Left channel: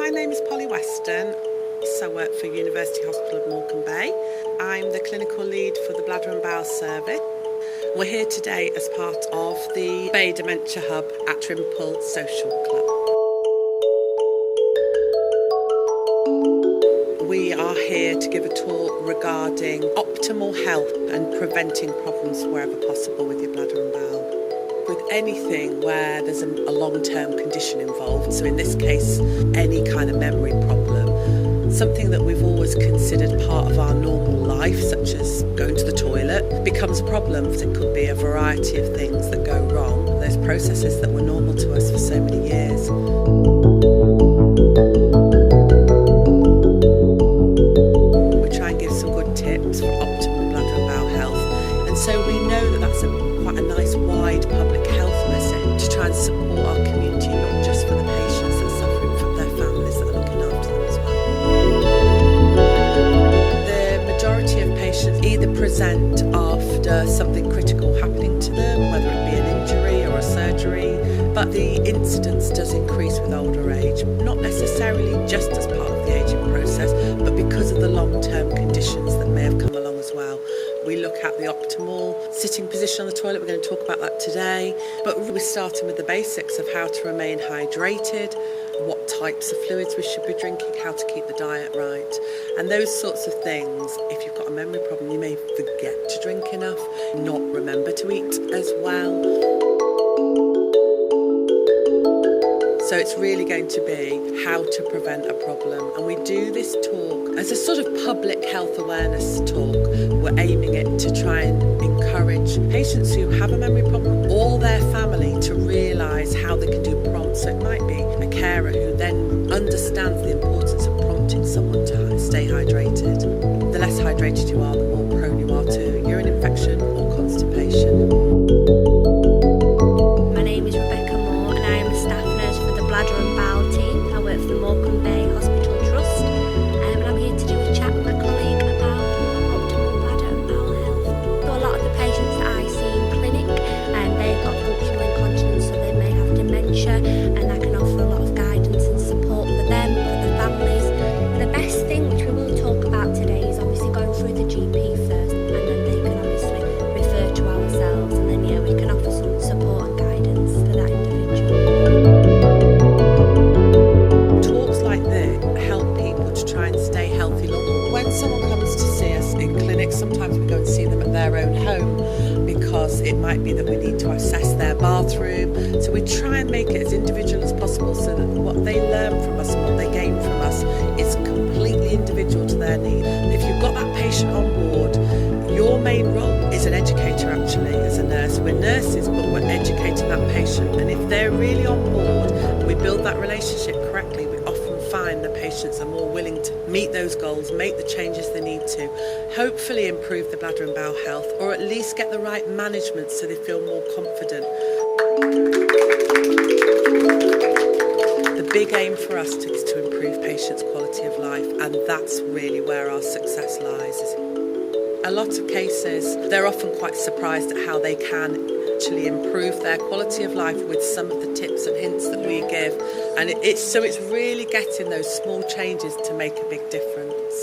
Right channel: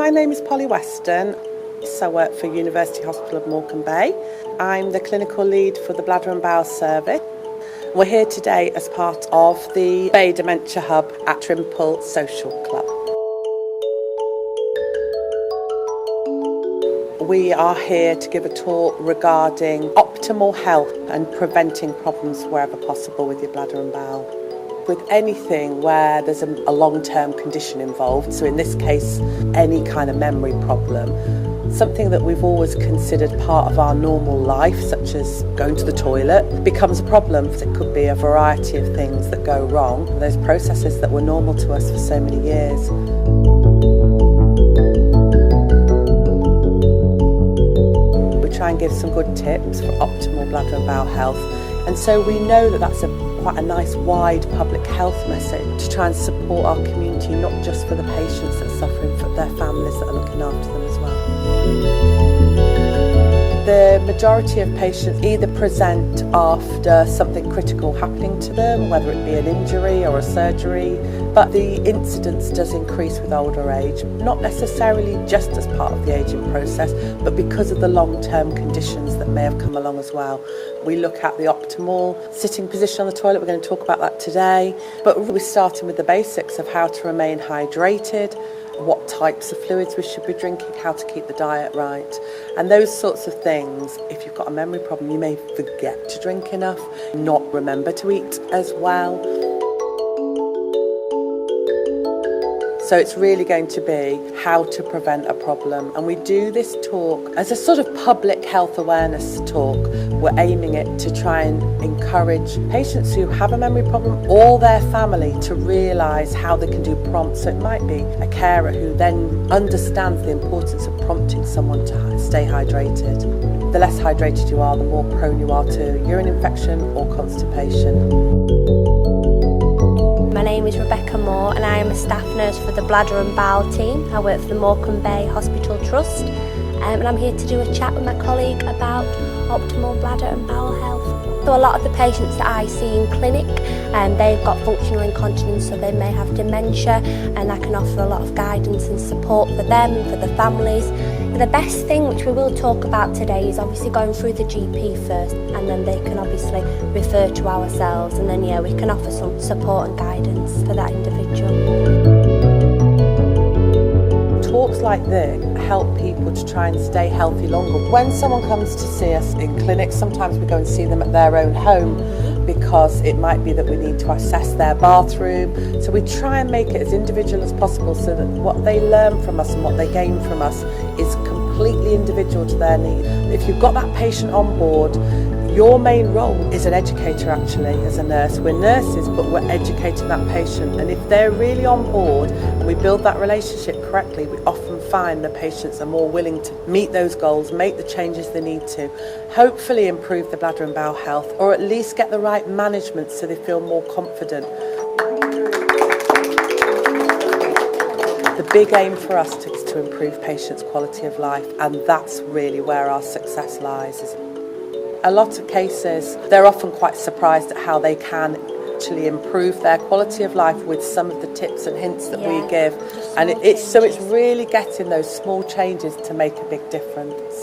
my name is Polly Weston. I work for University Hospital of Morecambe Bay. I'm the clinical lead for the Bladder and Bowel Service. We're here today as part of the BAY Dementia Hub at Trimple Social Club. We are here to give a talk regarding optimal health and preventing problems wherever possible with your bladder and bowel. With anything where there's a long-term condition involved, so in this case any kind of memory problem, something that we've always considered part of our normal life, such as going to the toilet, becomes a problem. It could be a variety of things that go wrong, those processes that were normal to us for so many years. We try and give some good tips for optimal bladder and bowel health, and so we know that that's quite a nice wide public health message to try and support our community, not just for the patients that are suffering, for their families that are looking after them as well. The majority of patients either present after something critical happening to them, whether it be an injury or a surgery, but the incidence does increase with older age, not necessarily just as part of the ageing process, but because of the long-term conditions that may have come along as well. We look at the optimal sitting position on the toilet. We're going to talk about that today, but we're starting with the basics of how to remain hydrated, what types of fluids we should be drinking, how to keep the diet right, and those sorts of things. If you've got a memory problem, you may forget to drink enough, not remember to eat as well. So it's really going to be how to prevent a problem. And we do this talk as a sort of public health awareness talk. We're aiming it to try and encourage patients who have a memory problem or their family to realise how they can do prompts. So it might be a carer who then understands the importance of prompting someone to stay hydrated. The less hydrated you are, the more prone you are to urine infection or constipation. My name is Rebecca Moore and I am a staff nurse for the Bladder and Bowel team. I work for the Morecambe Bay Hospital Trust and I'm here to do a chat with my colleague about optimal bladder and bowel health. So a lot of the patients that I see in clinic, they've got functional incontinence, so they may have dementia, and I can offer a lot of guidance and support for them and for the families. The best thing, which we will talk about today, is obviously going through the GP first, and then they can obviously refer to ourselves, and then we can offer some support and guidance for that individual. Talks like this help people to try and stay healthy longer. When someone comes to see us in clinic, sometimes we go and see them at their own home because it might be that we need to assess their bathroom. So we try and make it as individual as possible so that what they learn from us and what they gain from us is completely individual to their need. If you've got that patient on board, your main role is an educator actually, as a nurse. We're nurses, but we're educating that patient. And if they're really on board and we build that relationship correctly, we often find the patients are more willing to meet those goals, make the changes they need to, hopefully improve the bladder and bowel health, or at least get the right management so they feel more confident. The big aim for us is to improve patients' quality of life, and that's really where our success lies. A lot of cases, they're often quite surprised at how they can actually improve their quality of life with some of the tips and hints that we give. And it's really getting those small changes to make a big difference.